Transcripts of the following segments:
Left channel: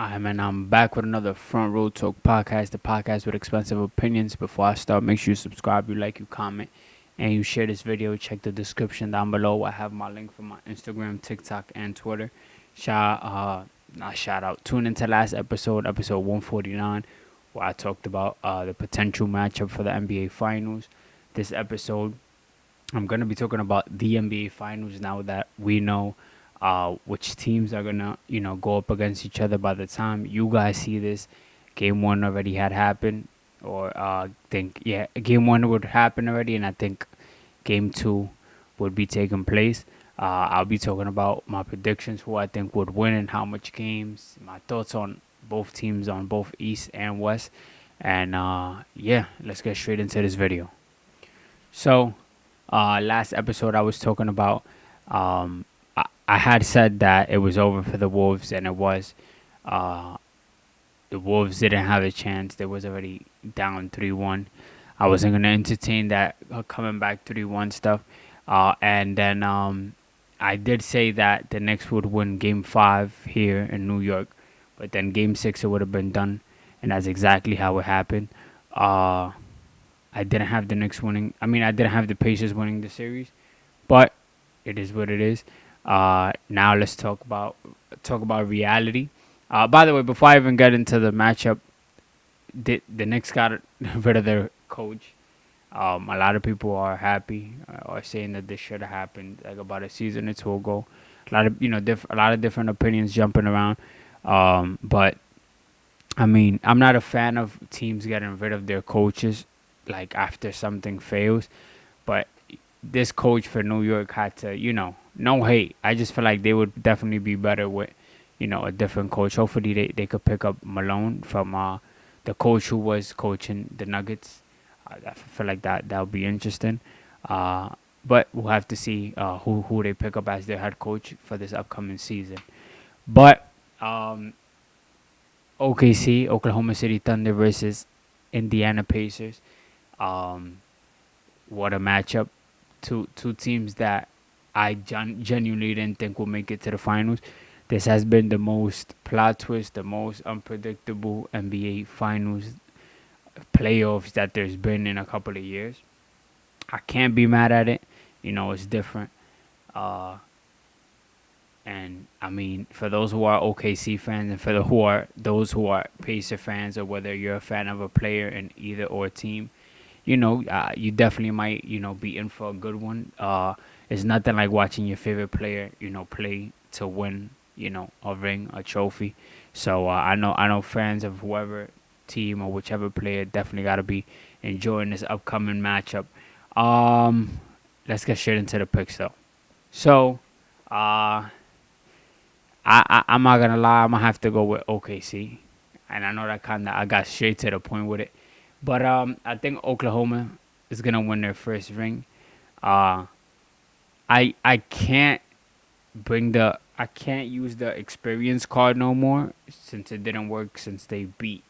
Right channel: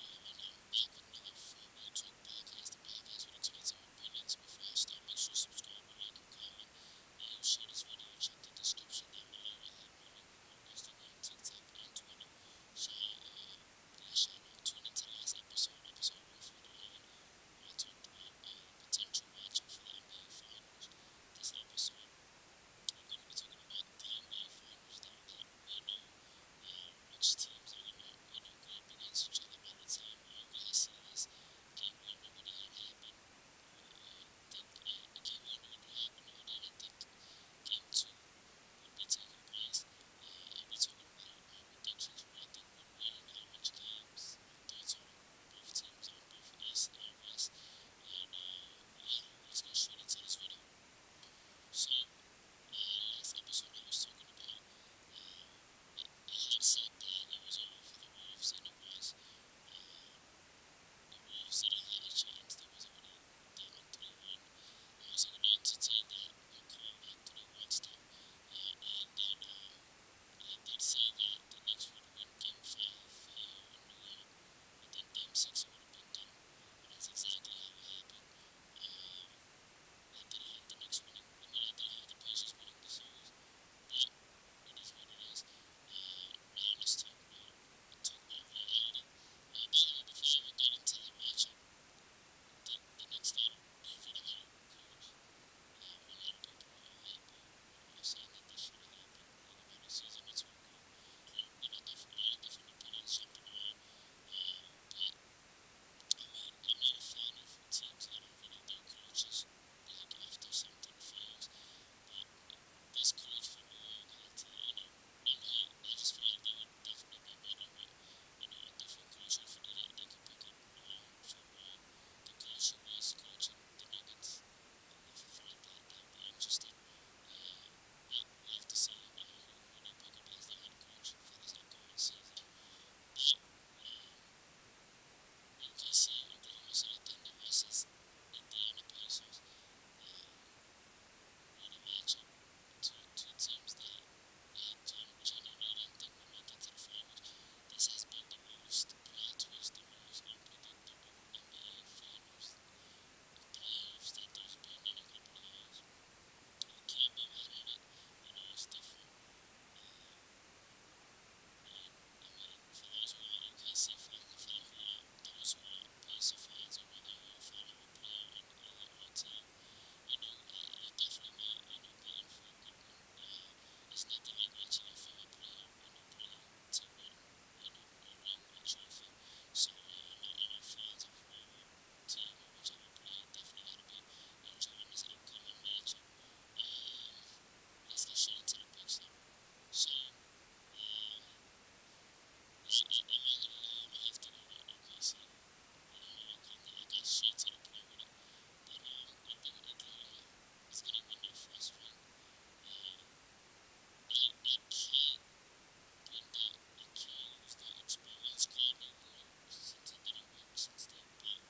And I'm back with another Front Row Talk podcast, the podcast with expensive opinions. Before I start, make sure you subscribe, you like, you comment, and you share this video. Check the description down below. I have my link for my Instagram, TikTok, and Twitter. Not shout out. Tune into last episode 149, where I talked about the potential matchup for the NBA Finals. This episode, I'm gonna be talking about the NBA Finals now that we know which teams are gonna go up against each other. By the time you guys see this, game one already had happened, or game one would happen already, and I think game two would be taking place. I'll be talking about my predictions, who I think would win and how much games, my thoughts on both teams on both East and West, and let's get straight into this video. So, last episode I was talking about um, I had said that it was over for the Wolves, and it was. The Wolves didn't have a chance. They was already down 3-1. I wasn't going to entertain that coming back 3-1 stuff. And then I did say that the Knicks would win Game 5 here in New York. But then Game 6, it would have been done. And that's exactly how it happened. I didn't have the Knicks winning. I mean, I didn't have the Pacers winning the series. But it is what it is. Now let's talk about reality. By the way, before I even get into the matchup, the Knicks got rid of their coach. A lot of people are happy or saying that this should have happened like about a season or two ago. A lot of a lot of different opinions jumping around. But I mean, I'm not a fan of teams getting rid of their coaches like after something fails. But this coach for New York had to, no hate. I just feel like they would definitely be better with, a different coach. Hopefully they could pick up Malone from the coach who was coaching the Nuggets. I feel like that would be interesting. But we'll have to see who they pick up as their head coach for this upcoming season. But OKC, Oklahoma City Thunder versus Indiana Pacers. What a matchup. Two teams that I genuinely didn't think would make it to the finals. This has been the most plot twist, the most unpredictable NBA Finals playoffs that there's been in a couple of years. I can't be mad at it. It's different. And I mean, for those who are OKC fans and for those who are Pacer fans, or whether you're a fan of a player in either or team, you definitely might, be in for a good one. It's nothing like watching your favorite player, play to win, a ring, a trophy. So I know fans of whoever team or whichever player definitely got to be enjoying this upcoming matchup. Let's get straight into the picks though. So, I'm not gonna lie, I'm gonna have to go with OKC, and I know that I got straight to the point with it. But I think Oklahoma is gonna win their first ring. I can't I can't use the experience card no more since it didn't work since they beat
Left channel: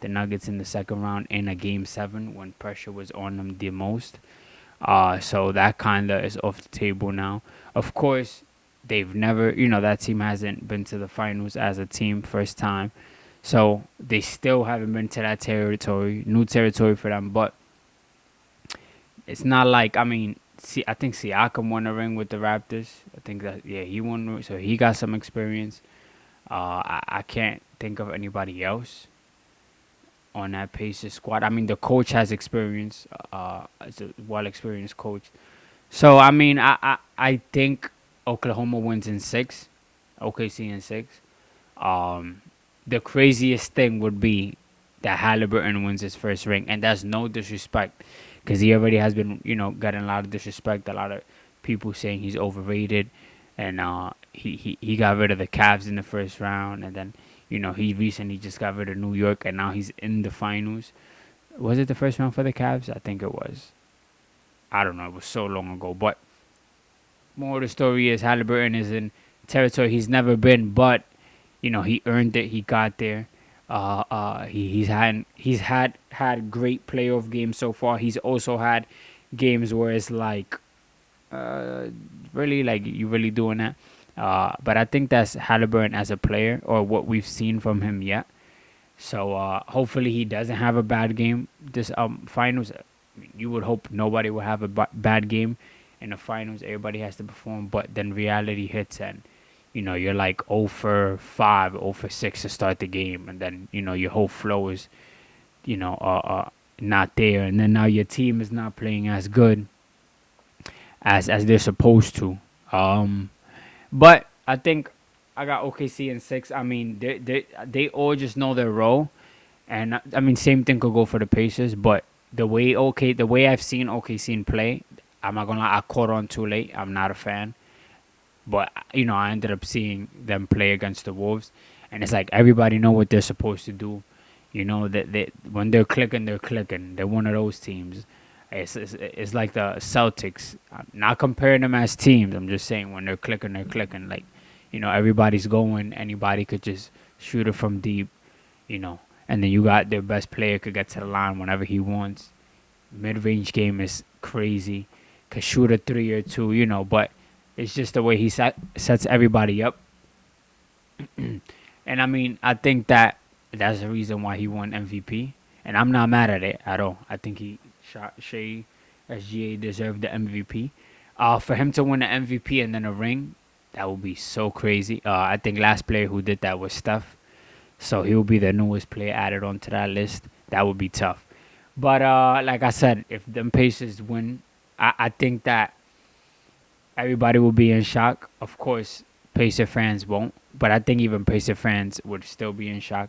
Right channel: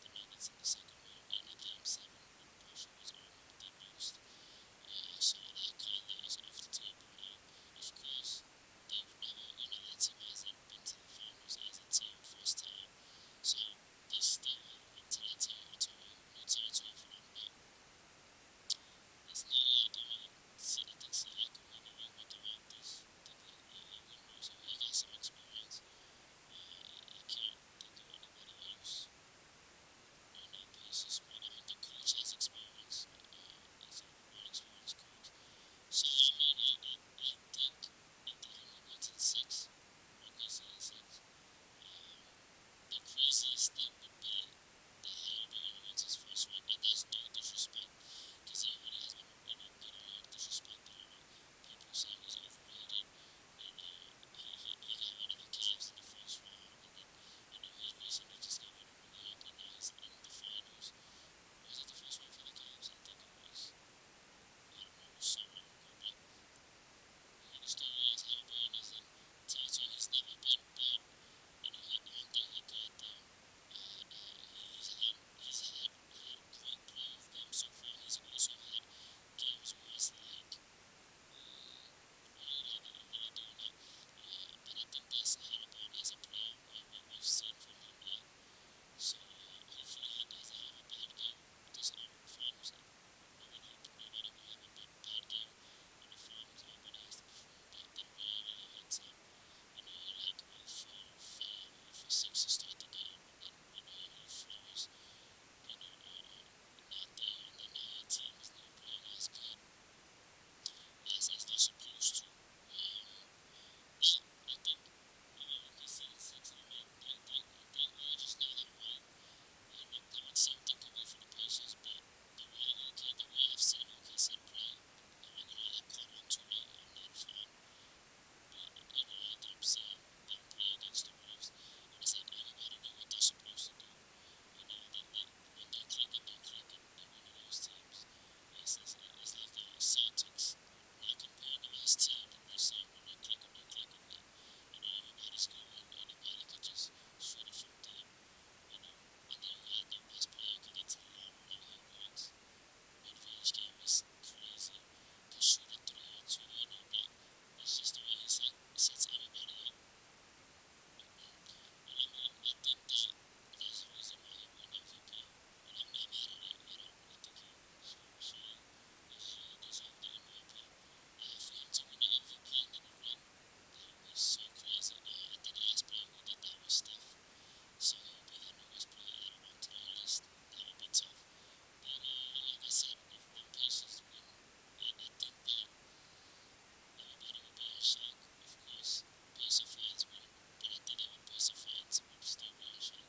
the Nuggets in the second round in a Game 7 when pressure was on them the most. So that kinda is off the table now. Of course, they've never that team hasn't been to the finals as a team first time. So they still haven't been to that territory, new territory for them. But it's not like, I mean, I think Siakam won a ring with the Raptors. I think that, he won, so he got some experience. I can't think of anybody else on that Pacers squad. I mean, the coach has experience, as a well-experienced coach. So, I mean, I think Oklahoma wins in 6, OKC in 6. The craziest thing would be that Halliburton wins his first ring, and that's no disrespect, because he already has been, getting a lot of disrespect. A lot of people saying he's overrated, and he got rid of the Cavs in the first round, and then he recently just got rid of New York, and now he's in the finals. Was it the first round for the Cavs? I think it was. I don't know. It was so long ago, but more of the story is Halliburton is in territory he's never been, but he earned it. He got there. He's had great playoff games so far. He's also had games where it's like, really, like, you really doing that? But I think that's Halliburton as a player, or what we've seen from him yet. So hopefully he doesn't have a bad game this finals. You would hope nobody will have a bad game in the finals. Everybody has to perform, but then reality hits, and you're like 0 for 5, 0 for 6 to start the game, and then your whole flow is you know not there, and then now your team is not playing as good as they're supposed to. But I think I got OKC in 6. I mean, they all just know their role, and I mean, same thing could go for the Pacers. But the way I've seen OKC play, I'm not gonna lie, I caught on too late. I'm not a fan, but I ended up seeing them play against the Wolves, and it's like everybody know what they're supposed to do. That when they're clicking, they're clicking. They're one of those teams. It's like the Celtics. I'm not comparing them as teams. I'm just saying when they're clicking, they're clicking. Like, everybody's going. Anybody could just shoot it from deep, you know. And then you got their best player could get to the line whenever he wants. Mid-range game is crazy. Could shoot a 3 or 2, But it's just the way he sets everybody up. And I mean, I think that's the reason why he won MVP. And I'm not mad at it at all. I think Shea SGA deserved the MVP. For him to win the MVP and then a ring, that would be so crazy. I think last player who did that was Steph. So he will be the newest player added onto that list. That would be tough. But like I said, if them Pacers win, I think that everybody will be in shock. Of course, Pacer fans won't. But I think even Pacer fans would still be in shock.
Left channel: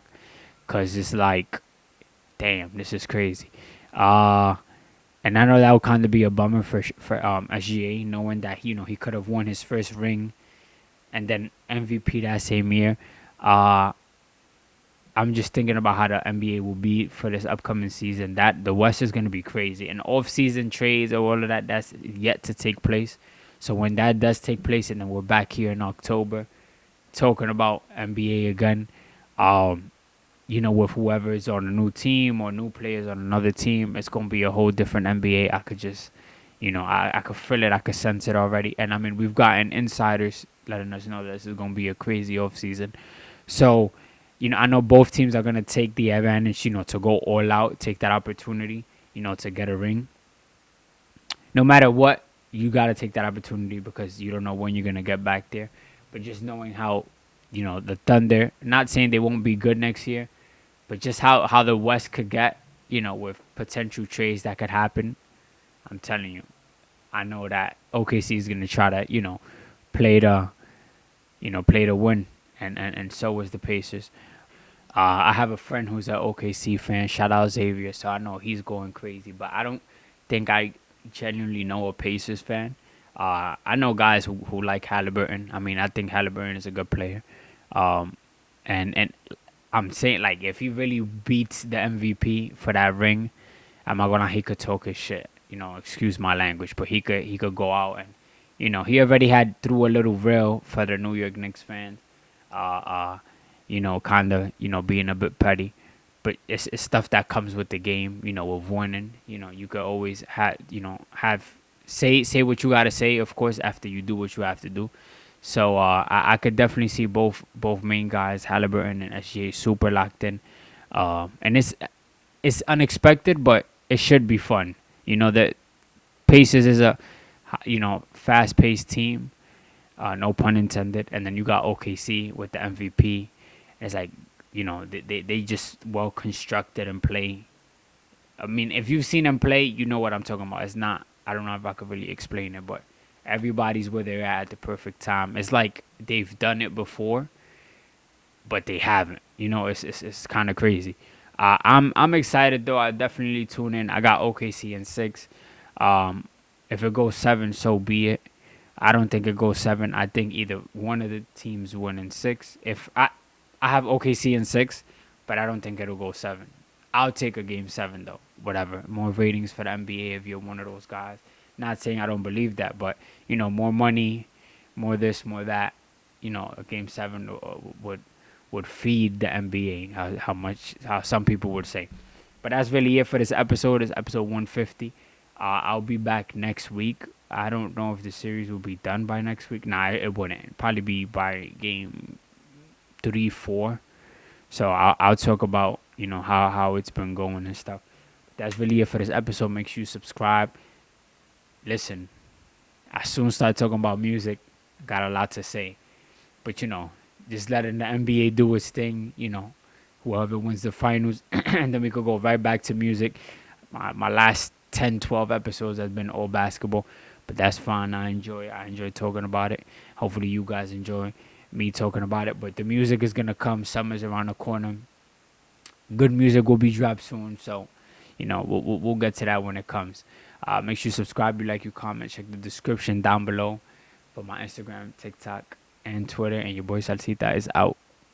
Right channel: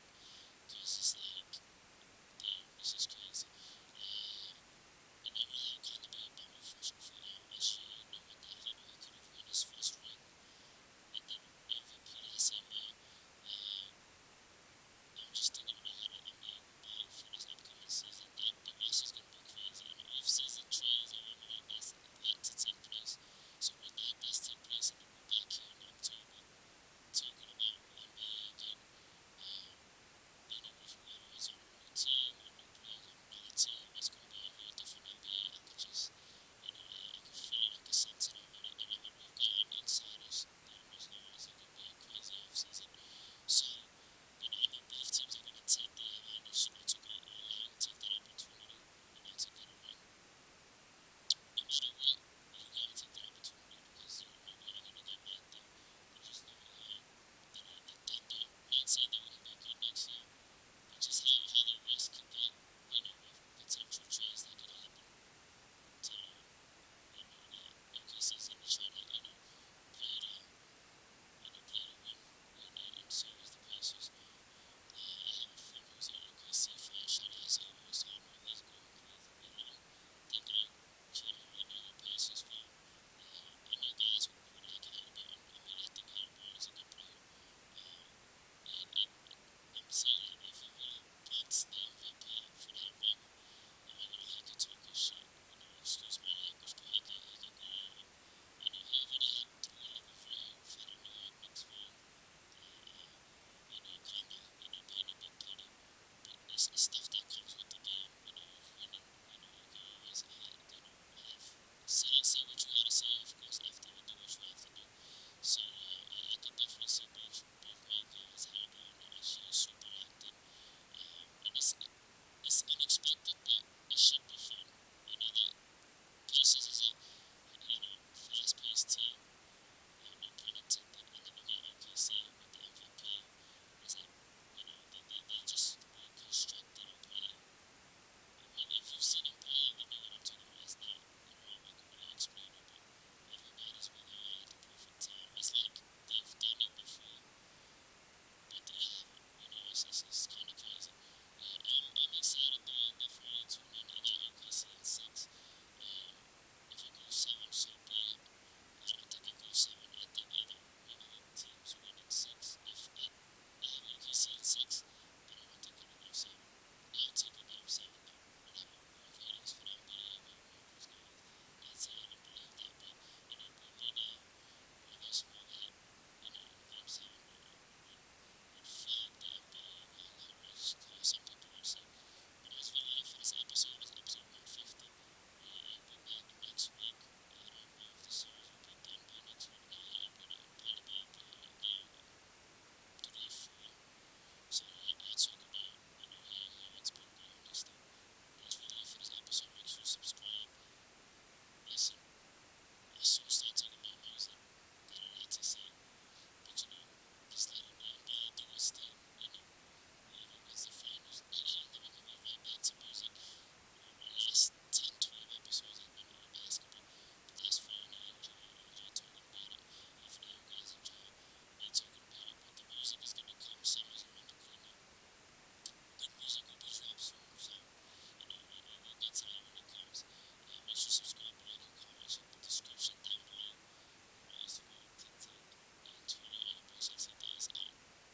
Because it's like, damn, this is crazy. And I know that would kind of be a bummer for SGA, knowing that he could have won his first ring, and then MVP that same year. I'm just thinking about how the NBA will be for this upcoming season. That the West is going to be crazy, and off-season trades or all of that's yet to take place. So when that does take place, and then we're back here in October, talking about NBA again. With whoever is on a new team or new players on another team, it's going to be a whole different NBA. I could just, I could feel it. I could sense it already. And, I mean, we've gotten insiders letting us know that this is going to be a crazy offseason. So, I know both teams are going to take the advantage, to go all out, take that opportunity, to get a ring. No matter what, you got to take that opportunity because you don't know when you're going to get back there. But just knowing how, the Thunder, not saying they won't be good next year, but just how the West could get, with potential trades that could happen, I'm telling you, I know that OKC is going to try to, play to win, and so is the Pacers. I have a friend who's an OKC fan. Shout out Xavier, so I know he's going crazy, but I don't think I genuinely know a Pacers fan. I know guys who like Halliburton. I mean, I think Halliburton is a good player. And I'm saying, like, if he really beats the MVP for that ring, I'm not gonna. He could talk his shit. Excuse my language, but he could go out and, he already had threw a little real for the New York Knicks fans. Kind of, being a bit petty, but it's stuff that comes with the game. With winning, you could always say what you gotta say, of course, after you do what you have to do. So I could definitely see both main guys, Halliburton and SGA, super locked in. And it's unexpected, but it should be fun. The Pacers is a fast-paced team, no pun intended. And then you got OKC with the MVP. It's like they just well constructed and play. I mean, if you've seen them play, you know what I'm talking about. It's not. I don't know if I could really explain it, but everybody's where they're at the perfect time. It's like they've done it before, but they haven't. It's kind of crazy. I'm excited though. I definitely tune in. I got OKC in 6. If it goes 7, so be it. I don't think it goes 7. I think either one of the teams win in 6. If I have OKC in 6, but I don't think it'll go 7. I'll take a game 7 though. Whatever. More ratings for the NBA if you're one of those guys. Not saying I don't believe that, but more money, more this, more that. A game 7 would feed the NBA. How some people would say. But that's really it for this episode. It's episode 150. I'll be back next week I don't know if the series will be done by next week. Nah, it wouldn't. It'd probably be by game 3, 4. So I'll talk about how it's been going and stuff. That's really it for this episode. Make sure you subscribe. Listen, I soon start talking about music. Got a lot to say, but just letting the NBA do its thing. Whoever wins the finals, and then we could go right back to music. My last 10, 12 episodes has been all basketball, but that's fine. I enjoy talking about it. Hopefully you guys enjoy me talking about it. But the music is gonna come. Summer's around the corner. Good music will be dropped soon, so we'll get to that when it comes. Make sure you subscribe, you like, you comment, check the description down below for my Instagram, TikTok, and Twitter. And your boy Salcita is out.